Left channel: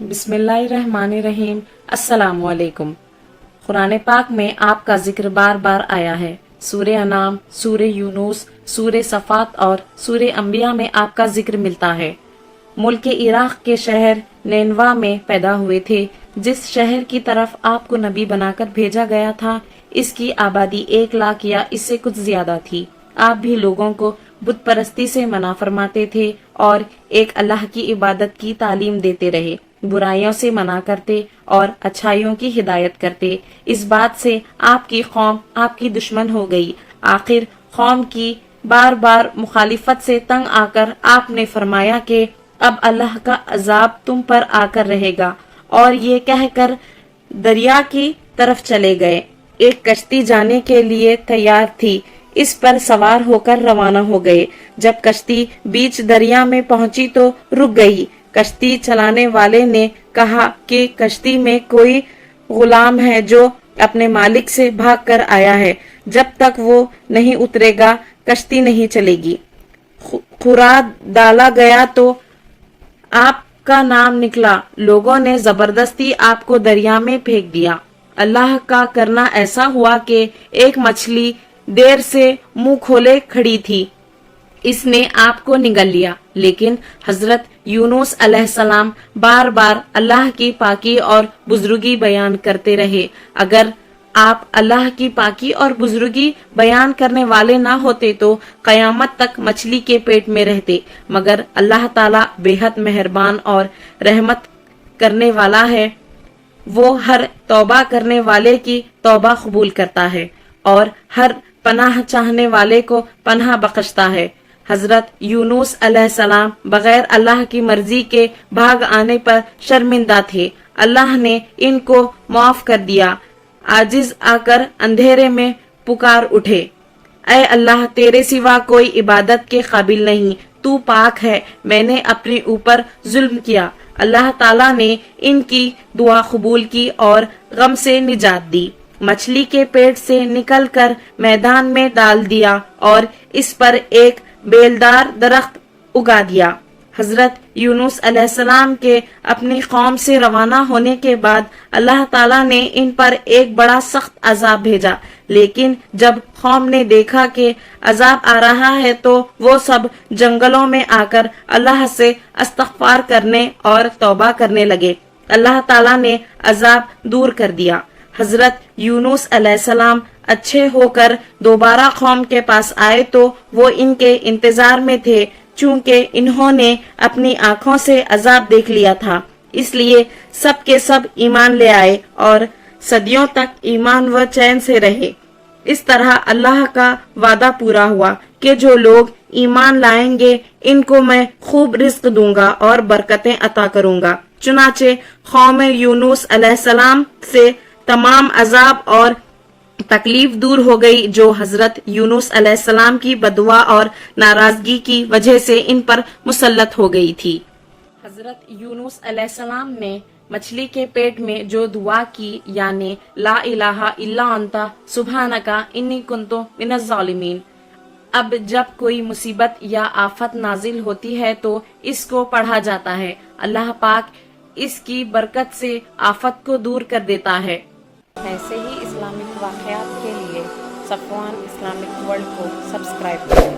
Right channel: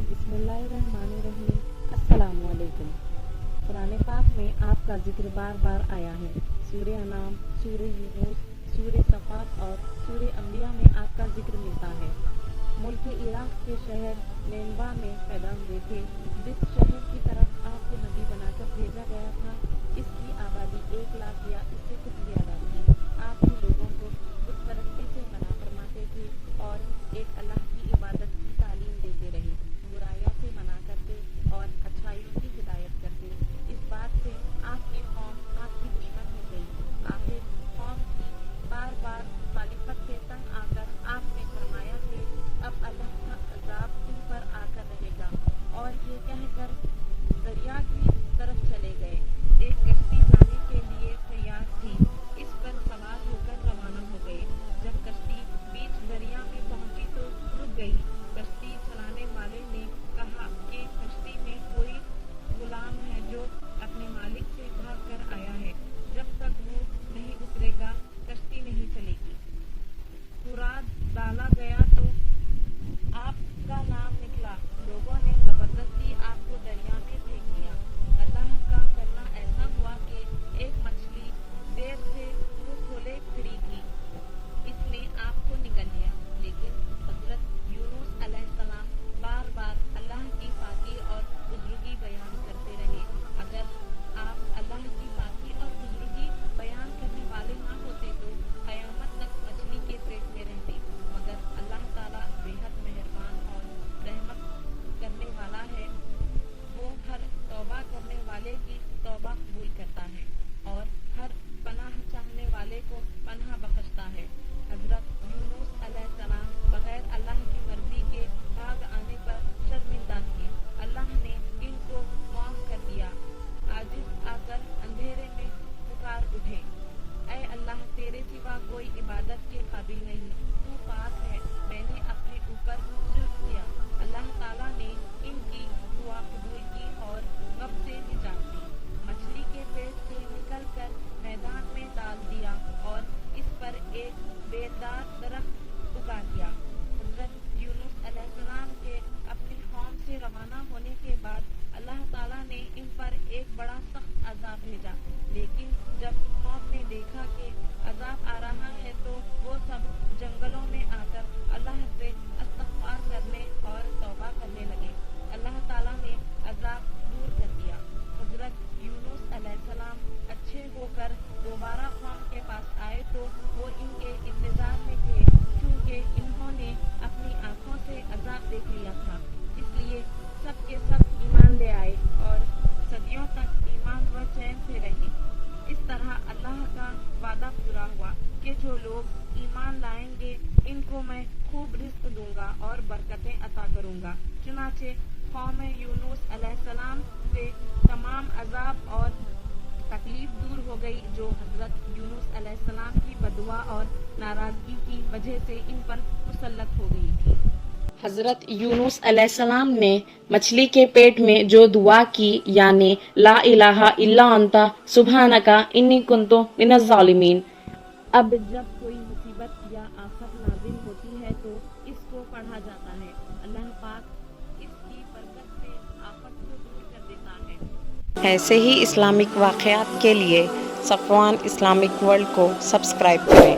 بسم اللہ الرحمن الرحیم۔ السلام علیکم۔ قرآن پاک میں آپ کا ذکر بار بار آیا ہے۔ سورہ انعام، سورہ یونس، سورہ صفات اور سورہ انبیاء میں آپ کا ذکر ملتا ہے۔ ملک عراق کے شہر نینوا میں پیدا ہوئے تھے، جس شہر کی طرف آپ کو نبی بنا کر بھیجا گیا تھا۔ اس کی آبادی 1 لاکھ یا اس سے کچھ زیادہ تھی۔ آپ بھی لوگوں کو بت پرستی سے منع فرماتے تھے اور ایک اللہ کی عبادت کی تعلیم دیتے رہے، برائیوں سے منع کرتے اور اچھائیوں کی ہدایت کرتے۔ اس بات سے آپ کی قوم آپ کی دشمن ہو گئی۔ آخر قوم کی بار بار مخالفت سے تنگ آ کر آپ نے فرمایا کہ اب اللہ کا عذاب تم پر آ کر رہے گا، اور یہ کہہ کر دریا کی طرف چلے گئے۔ ایک کشتی جانے کے لیے تیار تھی، اس پر سوار ہو کر روانہ ہو گئے۔ جب کشتی بیچ دریا میں پہنچی تو رک گئی۔ کشتی چلانے والے نے کہا کہ کشتی میں کوئی غلام ہے جو اپنے مالک سے بھاگ کر آیا ہے، جب تک وہ نہیں اترے گا کشتی نہیں چلے گی۔ خورا ڈالا گیا تو آپ کا نام نکلا، لوگوں نے زبردستی آپ کو دریا میں پھینک دیا۔ اللہ کا کرنا ایسا ہوا کہ ایک مچھلی دیر سے منہ کھولے کھڑی تھی، اس نے آپ کو نگل لیا۔ لیکن حضرت یونس علیہ السلام بار بار اللہ کی پاکی اور بزرگی بیان کرتے رہے۔ اگر آپ اللہ کی پاکی اور بزرگی بیان کرنے والے نہ ہوتے تو قیامت تک مچھلی کے پیٹ میں رہتے، مگر اللہ تعالیٰ بے حد مہربان اور رحمت کرنے والا ہے۔ وہ ہر توبہ کرنے والے کی توبہ قبول کرتا ہے اور ہر پناہ چاہنے والے کو پناہ بخشتا ہے۔ حضرت یونس علیہ السلام بغیر اللہ کی مرضی کے بھاگ آنے پر شرمندہ تھے۔ اللہ نے ان کو معاف کر دیا۔ عاجز آ کر اندھیرے میں پکار اٹھے، اے اللہ، تیرے سوا کوئی عبادت کے قابل نہیں، تو پاک ہے، میں نے اپنے اوپر ظلم کیا۔ اللہ تعالیٰ نے ان کی دعا قبول کی اور غم سے نجات دی۔ مچھلی کے پیٹ سے نکل کر میدان میں ڈال دیا اور اس پر ایک بیلدار درخت اگا دیا۔ حضرت یونس علیہ السلام کے اپنی قوم سے روانہ ہونے کے بعد اللہ تعالیٰ نے ان پر ایک بڑا سخت عذاب بھیجا، لیکن جب قوم نے دیکھا کہ عذاب آ رہا ہے تو وہ سب جنگلوں میں آ کر اللہ سے استغفار کرنے اور توبہ کرنے لگے۔ اللہ تعالیٰ نے عذاب دور کر دیا۔ حضرت یونس علیہ السلام اچھے ہو کر دوبارہ قوم کے پاس آئے تو وہ ان کے انتظار میں تھے، چونکہ انہوں نے اپنی آنکھوں سے عذاب دیکھ لیا تھا، اس لیے سب کے سب ایمان لے آئے اور صدیوں تک ایمان و چین سے رہے۔ اس طرح اللہ کا وعدہ پورا ہوا کہ جو لوگ ایمان لائیں گے ان کو میں خوب رزق دوں گا اور برکتیں عطا کروں گا۔ چنانچہ قوم یونس علیہ السلام سے تمام عذاب اور تکلیف دور ہو گئی جو حضرت یونس علیہ السلام کی بددعا اور ناراضگی کی وجہ سے ان پر مسلط ہو گئی تھی۔ حضرت یونس علیہ السلام نے مچھلی کے پیٹ میں جو دعا کی، یعنی لا الہ الا انت سبحانک انی کنت من الظالمین، اب جب کوئی مصیبت یا آفت نازل ہوتی ہے تو اس کو پڑھا جاتا ہے، اللہ پاک اس کی برکت سے آفت کو دور کر دیتا ہے۔ ایسے ہی اسلامک واقعات کے لیے صفوان اسلامک ورلڈ کو سبسکرائب کریں۔